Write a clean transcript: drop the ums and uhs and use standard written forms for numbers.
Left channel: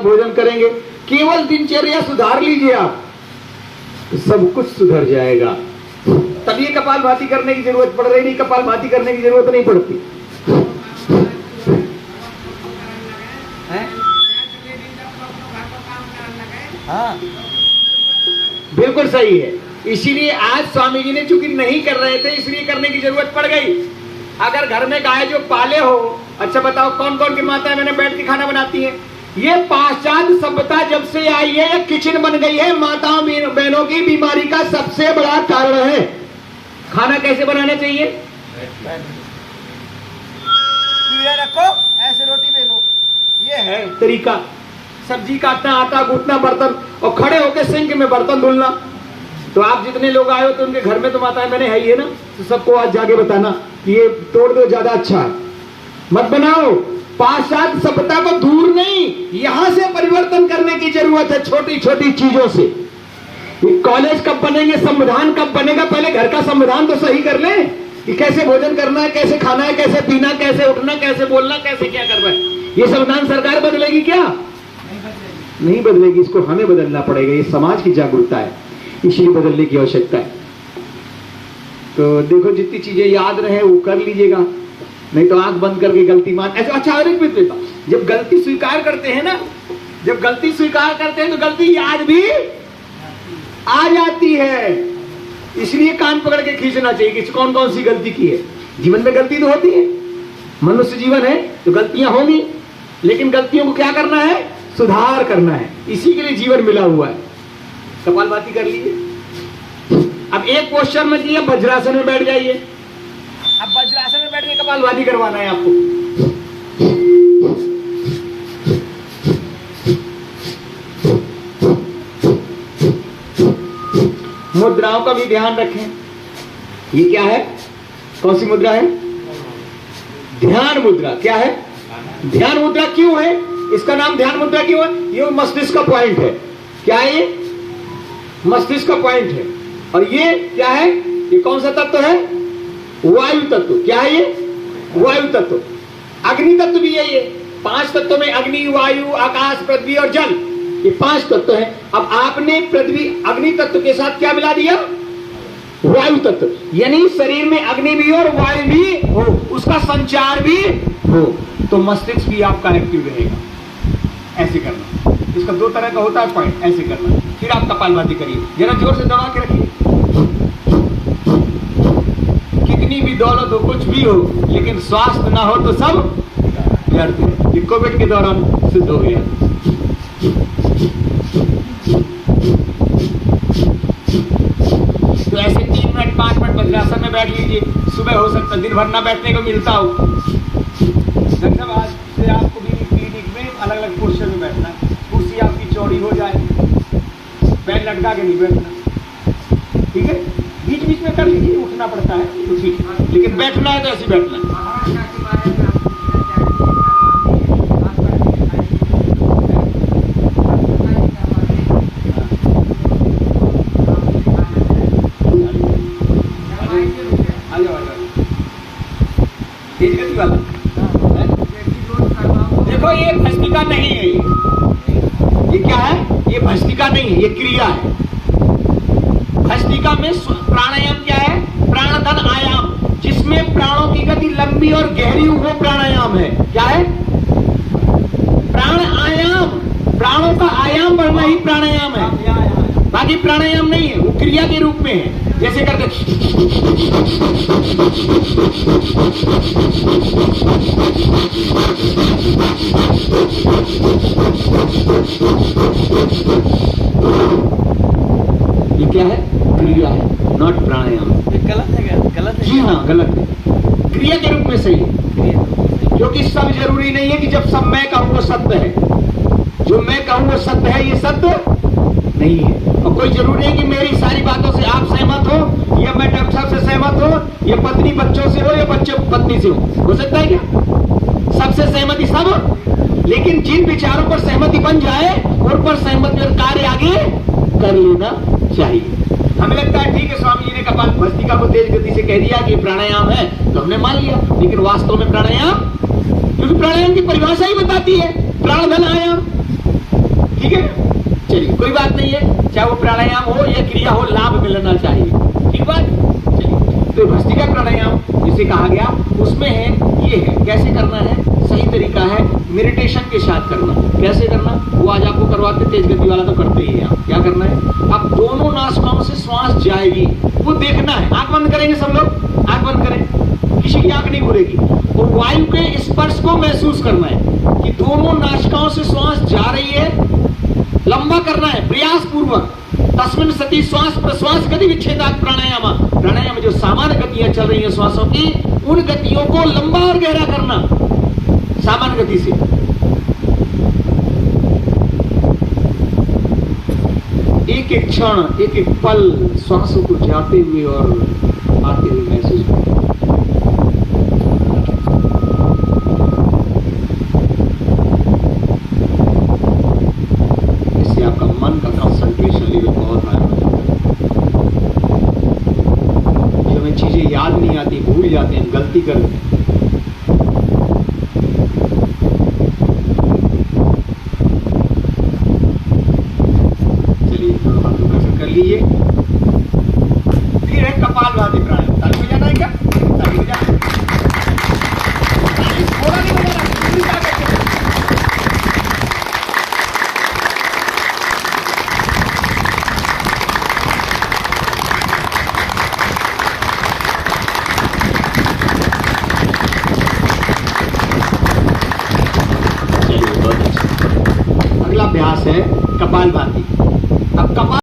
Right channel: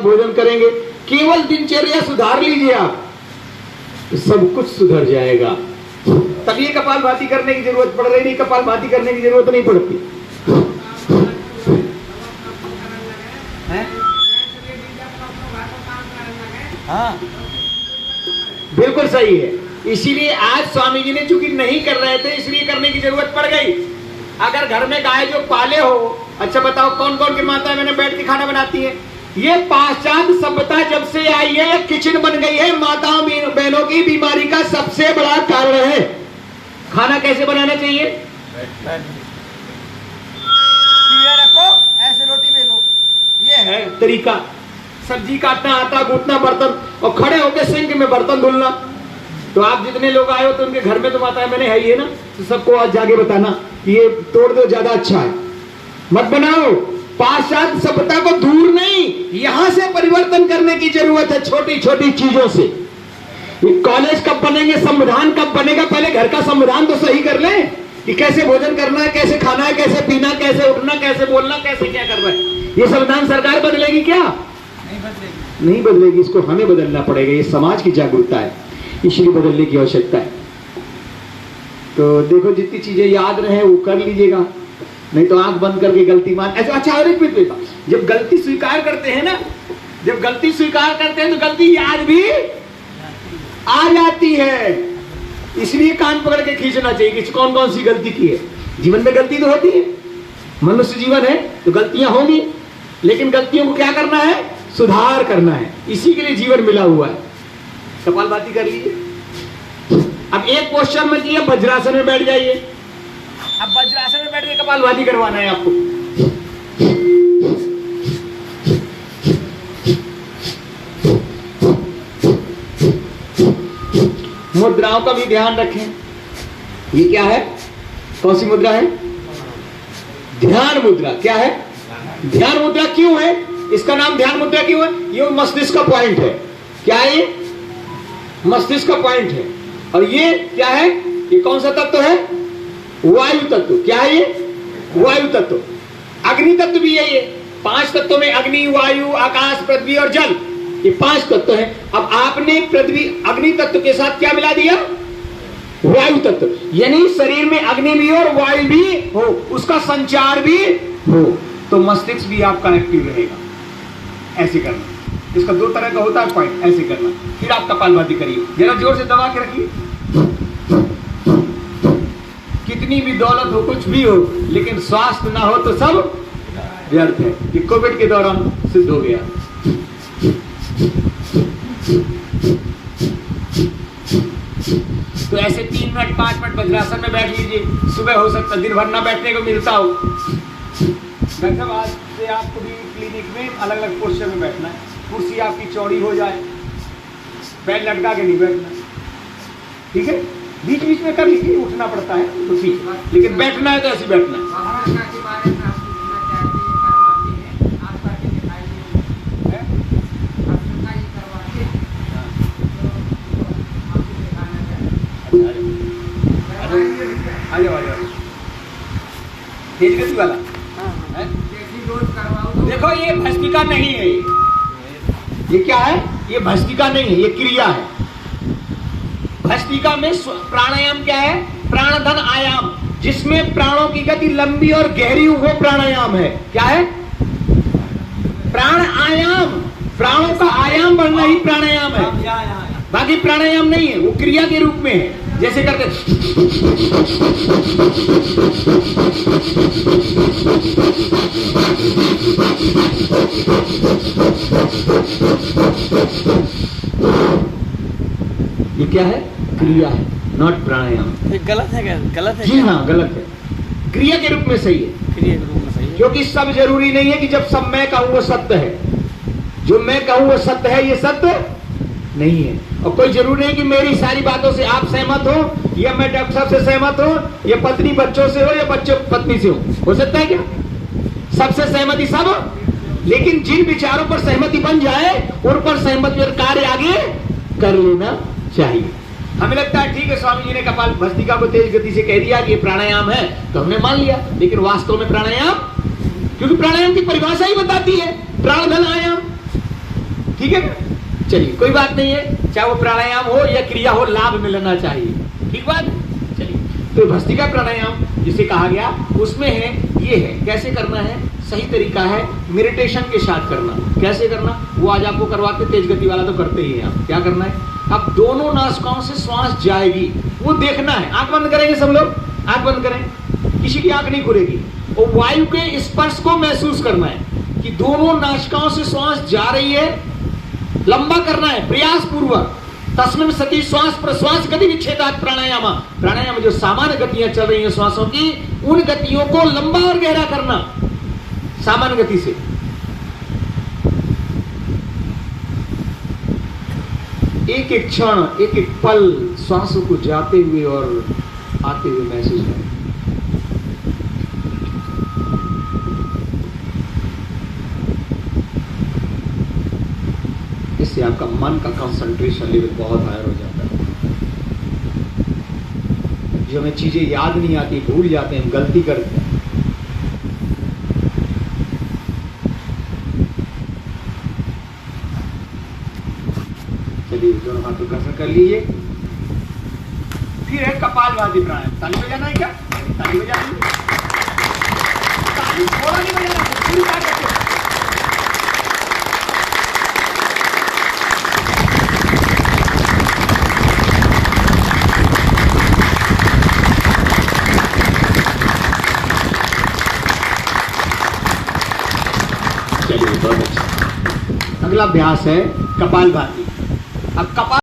भोजन करेंगे, केवल दिनचर्या सुधार लीजिए आप, तो सब कुछ सुधर जाएगा। तब ये कपालभाति करने की जरूरत पड़ रही नहीं, कपालभाति करने की जरूरत नहीं पड़ती है? हाँ, बिल्कुल सही है। इसीलिए आज स्वामी जी ने चूंकि नहीं कर रहे थे, इसलिए करने की जरूरत पड़ गई। अगर घर में गाय जो पाले हो, अच्छा बताओ कौन कौन की माताएं मैंने बैठ के खाना बनाती हैं? ये पाश्चात्य सभ्यता जब से आई है, ये किचन बन गई है, माताओं बहनों की बीमारी का सबसे बड़ा कारण है। खाना कैसे बनाना चाहिए? रखो, ऐसे रोटी बेलो, ये है तरीका। सब्जी काटना, आटा गूंथना, बर्तन, और खड़े होकर सिंक में बर्तन धुलना। तो आप जितने लोग आए हो तो उनके घर में तो माताएं मैंने है ही है ना, तो सबको आज जाके बताना कि ये तोड़ दो, ज्यादा अच्छा है, मत बनाओ। पाश्चात्य सभ्यता को दूर नहीं, यहां से परिवर्तन करने की जरूरत है, छोटी छोटी चीजों से। कॉलेज कब बनेंगे, संविधान कब बनेगा, पहले घर का संविधान तो सही कर ले कि कैसे भोजन करना है, कैसे खाना है, कैसे पीना, कैसे उठना, कैसे बोलना, कैसे क्या करना है। ये संविधान सरकार बदलेगी क्या? नहीं बदलेगी, इसको हमें बदलना पड़ेगा। ये समाज की जागरूकता है, इसलिए बदलने की आवश्यकता है। तो देखो जितनी चीजें याद रहे वो कर लीजिएगा, नहीं तो आंख बंद करके गलती मान। अच्छा, और एक मिनट, जब गलती स्वीकार करते हैं ना, जब गलती स्वीकार करते हैं तो गलती याद भी आ जाती है। इसलिए कान पकड़ के खींचना चाहिए कि कौन कौन सी गलती की है। जीवन में गलती तो होती है, मनुष्य जीवन है तो गलतियां होंगी, लेकिन गलतियों को क्या करना है? सुधार करना है। इसी के लिए जीवन मिला हुआ है। कपालभाति कर लीजिए। अब एक पोस्चर में दिया, वज्रासन में बैठ जाइए। अब वज्रासन में बैठ के कपालभाति करवाना है आपको। मुद्राओं का भी ध्यान रखें। ये क्या है? कौन सी मुद्रा है? ध्यान मुद्रा। क्या है? ध्यान मुद्रा क्यों है? इसका नाम ध्यान मुद्रा क्यों है? ये मस्तिष्क का पॉइंट है। क्या है ये? मस्तिष्क का पॉइंट है। और ये क्या है? ये कौन सा तत्व है? वायु तत्व। क्या है ये? वायु तत्व। अग्नि तत्व भी है ये। 5 तत्वों में अग्नि, वायु, आकाश, पृथ्वी और जल, ये 5 तत्व हैं। अब आपने पृथ्वी अग्नि तत्व के साथ क्या मिला दिया? वायु तत्व। यानी शरीर में अग्नि भी और वायु भी हो, उसका संचार भी हो, तो मस्तिष्क भी आपका एक्टिव रहेगा। ऐसे करना। इसका 2 तरह का होता है पॉइंट, ऐसे करना। फिर आप कपालभाति करिए, जरा जोर से दबा के रखिए। कितनी भी दौलत हो, कुछ भी हो, लेकिन स्वास्थ्य ना हो तो सब व्यर्थ है। ये कोविड के दौरान सिद्ध हो गया। तो ऐसे 3 मिनट 5 मिनट वज्रासन में बैठ लीजिए। सुबह हो सकता है, दिन भर ना बैठने को मिलता हो। डॉक्टर साहब आज से आपको भी क्लिनिक में अलग अलग पोस्चर में बैठना है। कुर्सी आपकी चौड़ी हो जाए, पैर लटका के नहीं बैठना, ठीक है? बीच बीच में कर लीजिए, उठना पड़ता है तो ठीक, लेकिन बैठना है तो ऐसे बैठना है। तेज गति वाला है? देखो ये भस्त्रिका नहीं है, ये क्या है? ये भस्त्रिका नहीं है, ये क्रिया है। भस्त्रिका में प्राणायाम क्या है? प्राणधन आयाम, जिसमें प्राणों की गति लंबी और गहरी हो, प्राणायाम है। क्या है? प्राण आयाम। प्राणों का आयाम बढ़ना ही प्राणायाम है, बाकी प्राणायाम नहीं है। वो क्रिया के रूप में है। जैसे करते ये क्या है? क्रिया है, नॉट प्राणायाम। ये गलत है क्या? गलत है? जी हाँ, गलत है। क्रिया के रूप में सही है, क्योंकि सब जरूरी नहीं है कि जब सब मैं कहूं वो सत्य है। जो मैं कहूं वो सत्य है, ये सत्य नहीं है। और कोई जरूरी है कि मेरी सारी बातों से आप सहमत हो, या मैं डॉक्टर साहब से सहमत हो, या पत्नी बच्चों से हो, या बच्चों पत्नी से हो सकता है क्या? सबसे सहमति सब हो, लेकिन जिन विचारों पर सहमति बन जाए उन पर सहमति और कार्य आगे कर लेना चाहिए। हमें लगता है ठीक है, स्वामी जी ने कपालभाति को तेज गति से कह दिया कि प्राणायाम है, तो हमने मान लिया, लेकिन वास्तव में प्राणायाम, क्योंकि प्राणायाम की परिभाषा ही बताती है प्राणधन आयाम। ठीक है, चलिए कोई बात नहीं है, चाहे वो प्राणायाम हो या क्रिया हो, लाभ मिलना चाहिए, ठीक बात। चलिए, तो भस्त्रिका प्राणायाम जिसे कहा गया उसमें है, ये है कैसे करना है, सही तरीका है मेडिटेशन के साथ करना। कैसे करना वो आज आपको करवाते, तेज गति वाला तो करते ही हैं। क्या करना है, अब दोनों नासिकाओं से श्वास जाएगी वो देखना है। आंख बंद करेंगे सब लोग, आंख बंद करें, किसी की आंख नहीं खुलेगी। वो वायु के स्पर्श को महसूस करना है कि दोनों नासिकाओं से श्वास जा रही है, लंबा करना है प्रयास पूर्वक। तस्मिन् सति श्वास प्रश्वास गति विच्छेदात् प्राणायाम, प्राणायाम जो सामान्य गतियां चल रही है श्वासों की, उन गतियों को लंबा और गहरा करना सामान्य गति से। एक एक क्षण, एक एक पल श्वासों को जाते हुए और आते हुए महसूस करें। इससे आपका मन का कंसंट्रेशन लेवल बहुत हाई हो जाता है। जो हमें चीजें याद नहीं आती, भूल जाते हैं, गलती करते हैं। कर लीजिए। फिर है कपालभाति प्राणायाम। ताली बजाना है क्या? ताली बजाना, ताली थोड़ा नहीं बजाना, पूरी ताकत से। चलिए बहुत अच्छा। अगला अभ्यास है कपालभाति। अब कपाल